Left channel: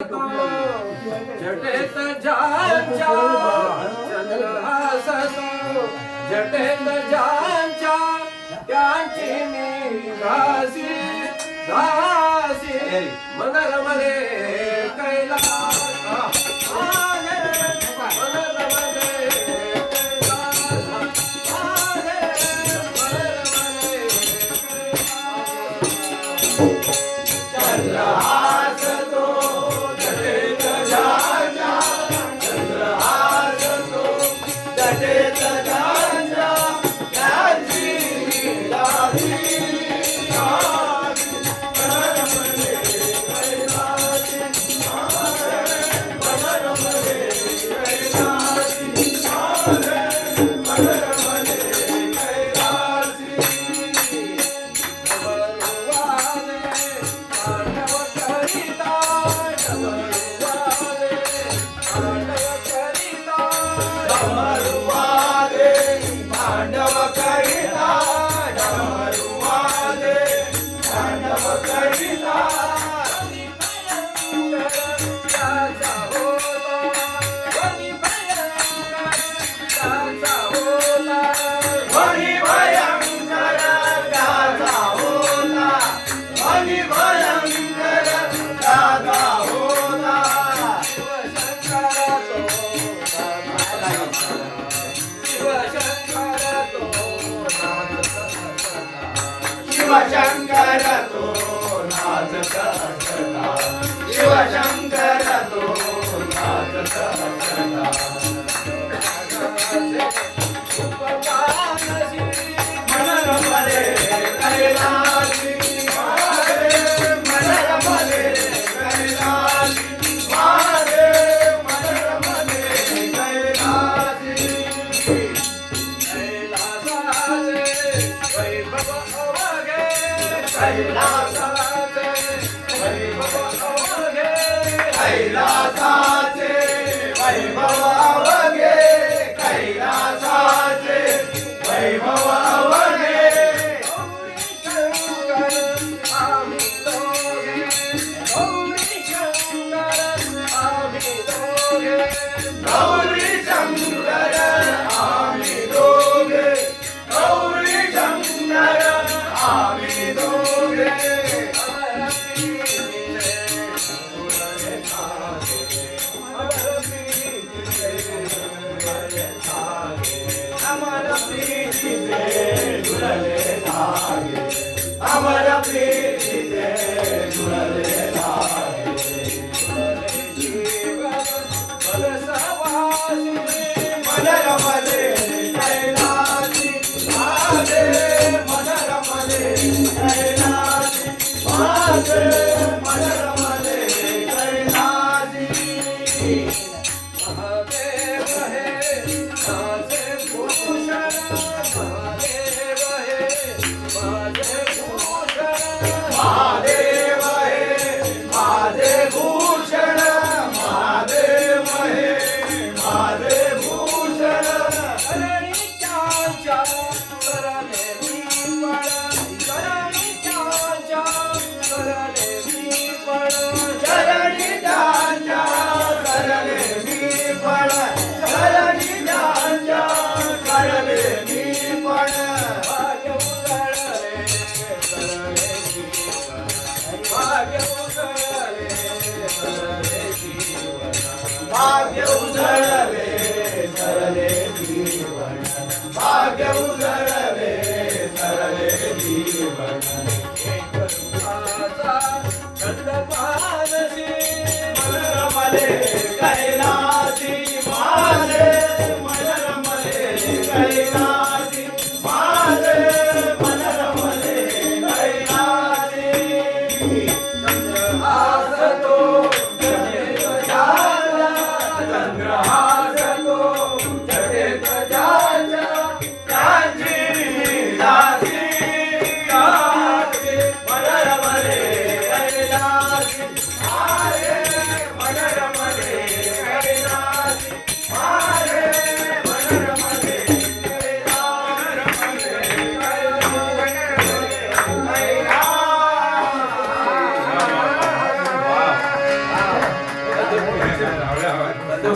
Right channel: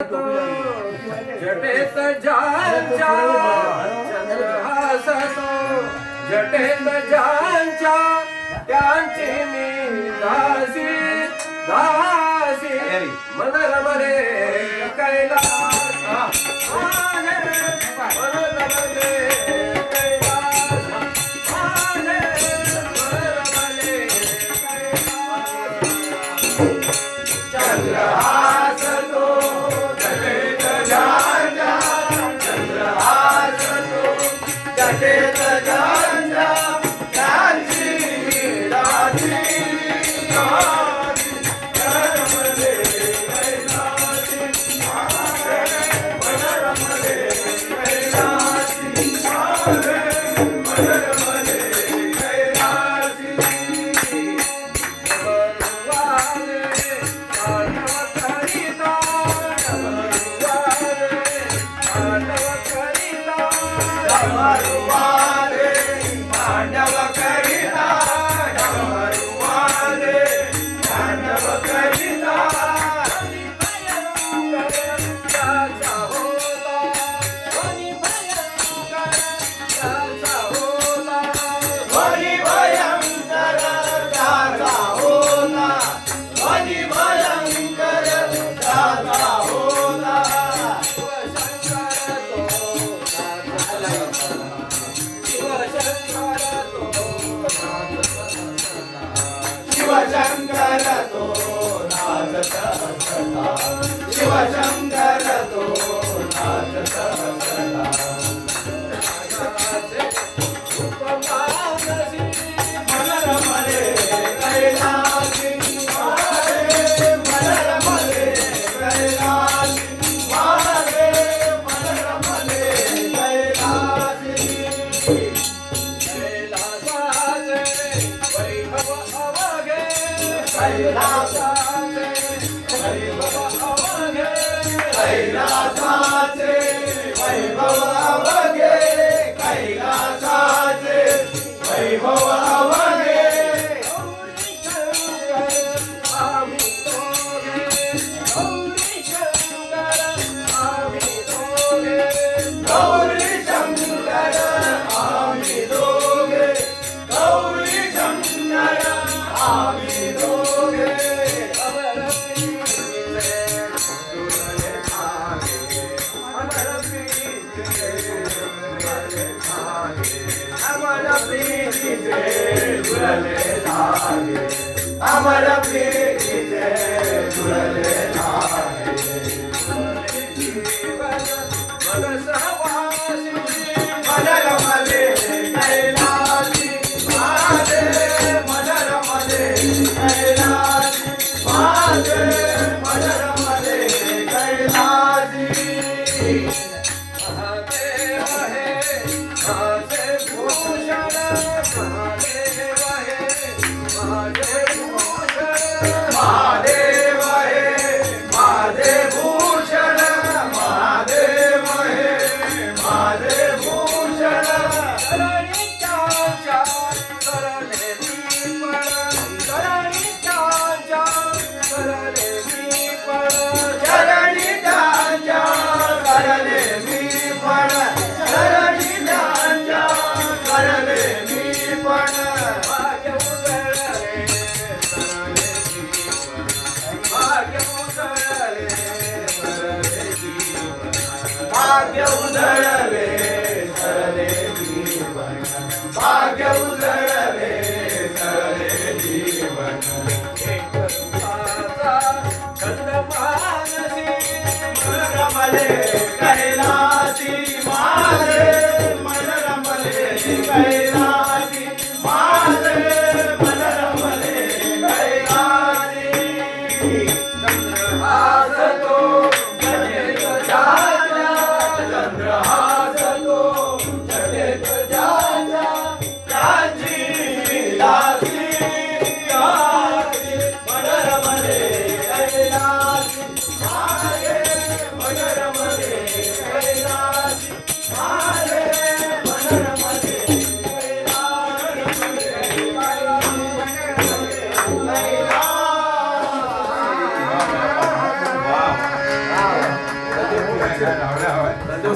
जटेत ज्यांच्या चंद्र हसतो, जटेत ज्यांच्या त्यांची मी दासी दासी मन रमले कैलास आले, मन रमले कैलास आले, मन रमले कैलास. चंद्र हसतो जटेत ज्यांच्या, चंद्र हसतो जटेत ज्यांच्या त्यांची मी दासी दासी मन रमले कैलासी मन रमले कैलासी मन रमले कैलासी. डमरुवाले तांडव करिता, डमरुवाले तांडव करिता, डमरुवाले तांडव करिता, डमरुवाले तांडव करिता. वनी भयंकर त्याचा होता, वनी भयंकर त्याचा होता, वनी भयंकर त्याचा होता. शिवशंकर तो नाचत असला, शिवशंकर तो नाचत असला. मन रमले कैलासी मन रमले कैलासी मन रमले कैलासी. कैलासाचे वैभव अवघे, कैलासाचे वैभव अवघे, कैलासाचे वैभव अवघे, कैलासाचे वैभव अवघे. गौरी शंकर आम्ही दोघे, गौरी शंकर आम्ही दोघे, गौरी शंकर अमर प्रीतीचे जुळले धागे, अमर प्रीतीचे जुळले धागे. मन रमले कैलासी माझे, मन रमले कैलासी माझे, मन रमले कैलासी. महादेव हे माझे भूषण, महादेव हे माझे भूषण, महादेव हे माझे भूषण, महादेव हे माझे भूषण. धरणीच्या करले मी पण, धरणीच्या करले मी पण, धरणीच्या करले मी पण, धरणीच्या करले मी पण. भाग्य उजळले सरले जीवन, भाग्य उजळले सरले जीवन, भाग्य उजळले सरले जीवन, भाग्य उजळले सरले जीवन. एक रूपाचा छंद मानसी, मन रमले कैलासी माझे, मन रमले कैलासी माझे, मन रमले कैलासी. चंद्र हसतो जटेत ज्यांच्या, चंद्र हसतो जटेत ज्यांच्या त्यांची मी दासी दासी मन रमले कैलासी मन रमले आवडलं, आवडलं.